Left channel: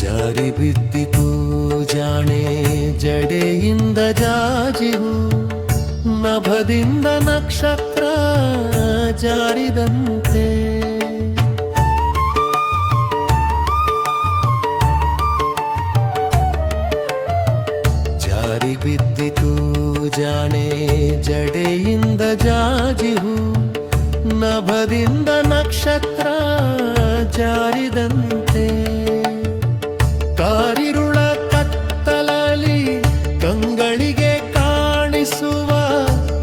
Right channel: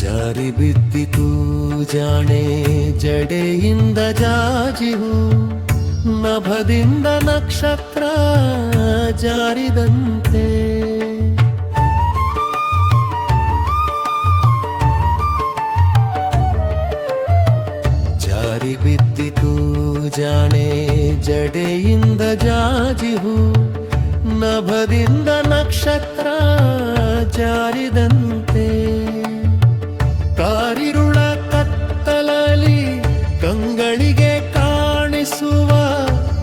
ಜಾರಿ ಬಿದ್ದಿತು ಜಾಣೆ ಜಡೆಯಿಂದ ಜಾಜಿಹು, ನಭದಿಂದ ನಕ್ಷತ್ರ ಜಾರಿದಂತೆ. ಜಾರಿ ಬಿದ್ದಿತು ಜಾಣೆ ಜಡೆಯಿಂದ ಜಾಜಿಹು, ನಭದಿಂದ ನಕ್ಷತ್ರ ಜಾರಿದಂತೆ. ಕಾರಿರುಳ ಕತ್ತಲಲ್ಲಿ ಕಂಗಳಿಗೆ ಕಾಣಿಸುವ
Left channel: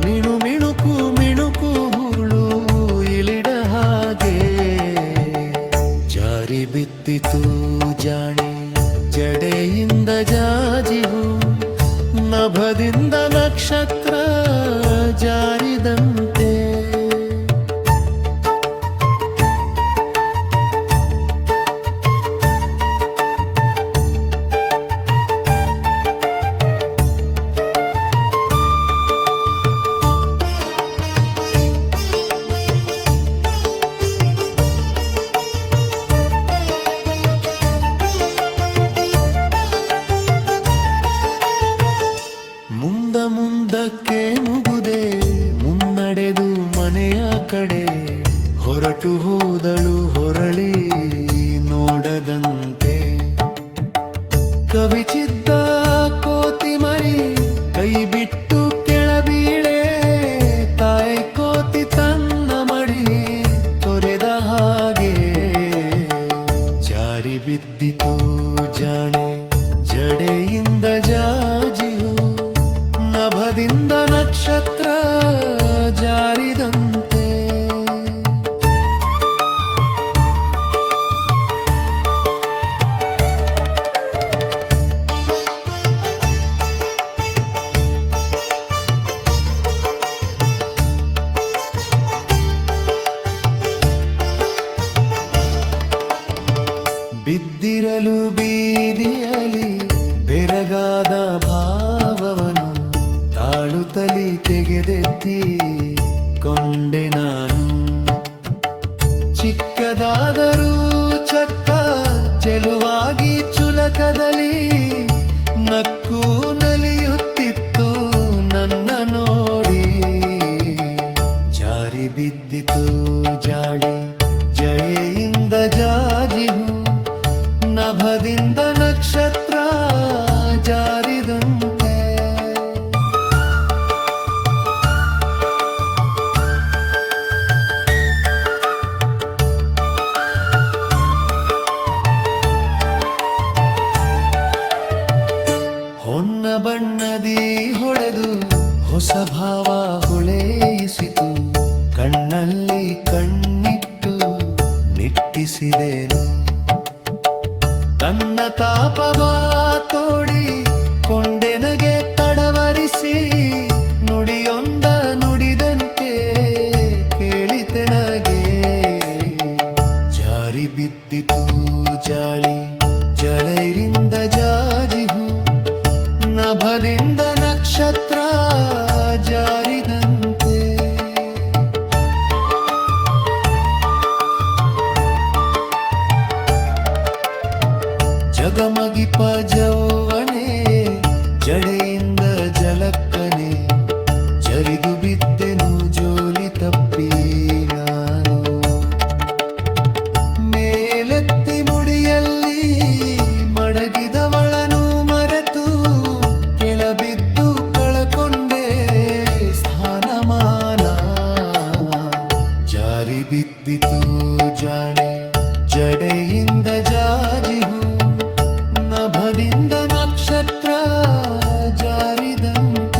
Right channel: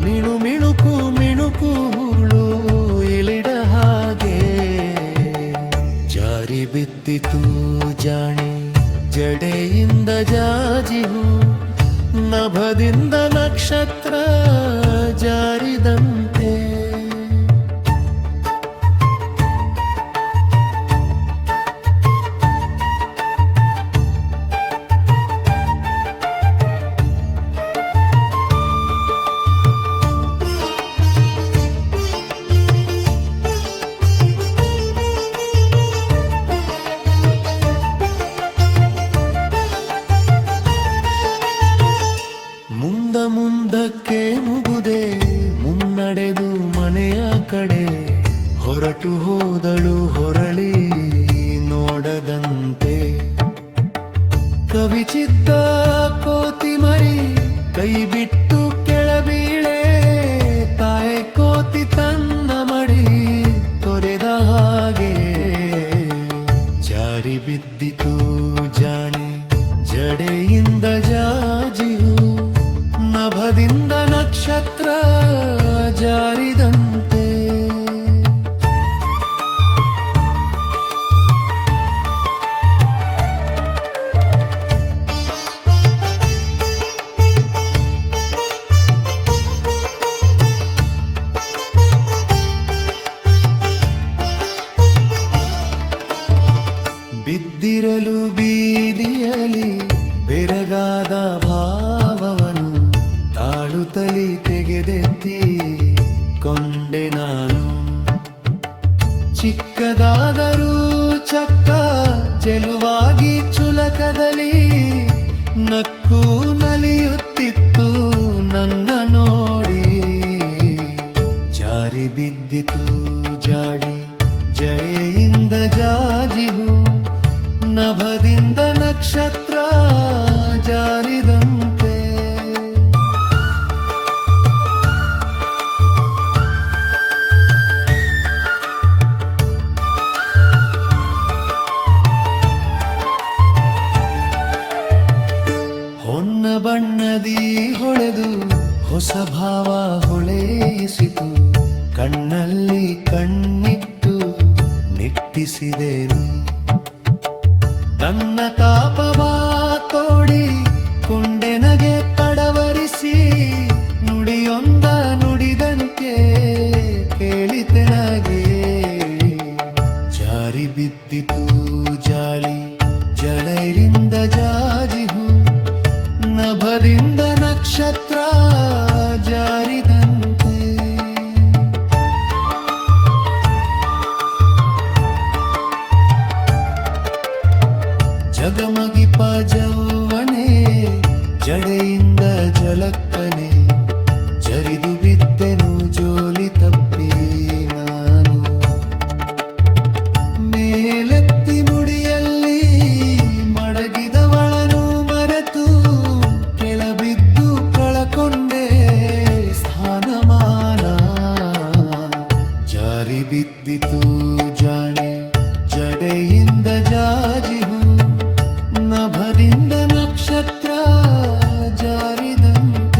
ಮಿಣುಕು ಮಿಣುಕು ಹುಳು ಇಳಿಡ ಹಾಗೆ. ಜಾರಿ ಬಿದ್ದಿತು ಜಾಣೆ ಜಡೆಯಿಂದ ಜಾಜಿಹು, ನಭದಿಂದ ನಕ್ಷತ್ರ ಜಾರಿದಂತೆ. ಮುಂದಕ್ಕೆ ಮುಗುದೆ ಮುನ್ನಡೆದು ಮನೆಯ ಕಡೆ ಹೊರಟು ಹೋದಳು ಹೊರಳಿ ನೋಡದಂತೆ. ಕವಿಚಿದ್ದ ಕೋತಿ ಮರಿ ಕೈ ಬಿಟ್ಟು ಕೆಳಬೀಳೆ, ತಾಯಿ ಕೋತಿ ತನ್ನ ಮಡಿ ತೊರೆದ ಹಾಗೆ. ಜಾರಿ ಬಿದ್ದಿತು ಜಾಣೆ ಜಡೆಯಿಂದ ಜಾಜಿಹು, ನಭದಿಂದ ನಕ್ಷತ್ರ ಜಾರಿದಂತೆ. ಬಿದ್ದಿರಲು ಬೀದಿಯಲಿ ಬೆರಗಾದ ಭಾವವನು ತಾಳುತ್ತಲಿ ತೆಗೆದೆತ್ತಿ ಕೊಂಡೆ ನಾನು. ಚಿಕ್ಕದಾದರೂ ಚಕ್ಕ ಚೆಲುವಾಗಿ ಚುಲಕದಲ್ಲಿ ನಕ್ಕು ನಲಿಯುತ್ತಿತ್ತು ನನ್ನ ನೋಡಿ. ಜಾರಿ ಬಿದ್ದಿತು ಜಾಡಿ ಜಡೆಯಿಂದ ಜಾಜಿಹು, ನಭದಿಂದ ನಕ್ಷತ್ರ ಜಾರಿದಂತೆ. ಹೊನ್ನ ಬಣ್ಣದಿ ಹೊಳೆದು ಹೊಸ ಭಾವ ಹೊಳೆಯಿಸಿತು, ಕಣ್ಣಲ್ಲಿ ಕಣ್ಣಿಟ್ಟು ನಿಟ್ಟಿಸಿದೆನು. ತನ್ನ ತಾಪವ ತೋಡಿ ಕೊಂಡೆನಗೆ ತಡವರಿಸಿ, ನುಡಿಯೊಂದ ನುಡಿದಂತೆ ಕೇಳಿತೆನಗೆ. ಜಾರಿ ಬಿದ್ದಿತು ಜಾಳಿ ಜಡೆಯಿಂದ ಜಾಜಿಹು, ನಭದಿಂದ ನಕ್ಷತ್ರ ಜಾರಿದಂತೆ. ಜಗಮಗಿಪ ಜೌವನೆ ಜಡೆಯಿಂದ ಜಲಕ್ಕನೆ, ಜರಿದು ಬಿದ್ದೆನು ಜೋಲಿ ತಪ್ಪಿ ನಾನು. ಮೇಲೆತ್ತಿ ಮುಡಿಯಲ್ಲಿ ಮಡಗಿದವಳನು ಮರೆತು, ಕೆಳಬಿದ್ದು ಕಳಕೊಂಡೆ ಸ್ಥಾನಮಾನ. ಜಾರಿ ಬಿದ್ದಿತು ಜಾಣೆ ಜಡೆಯಿಂದ ಜಾಜಿಹು, ನಭದಿಂದ ನಕ್ಷತ್ರ ಜಾರಿದಂತೆ.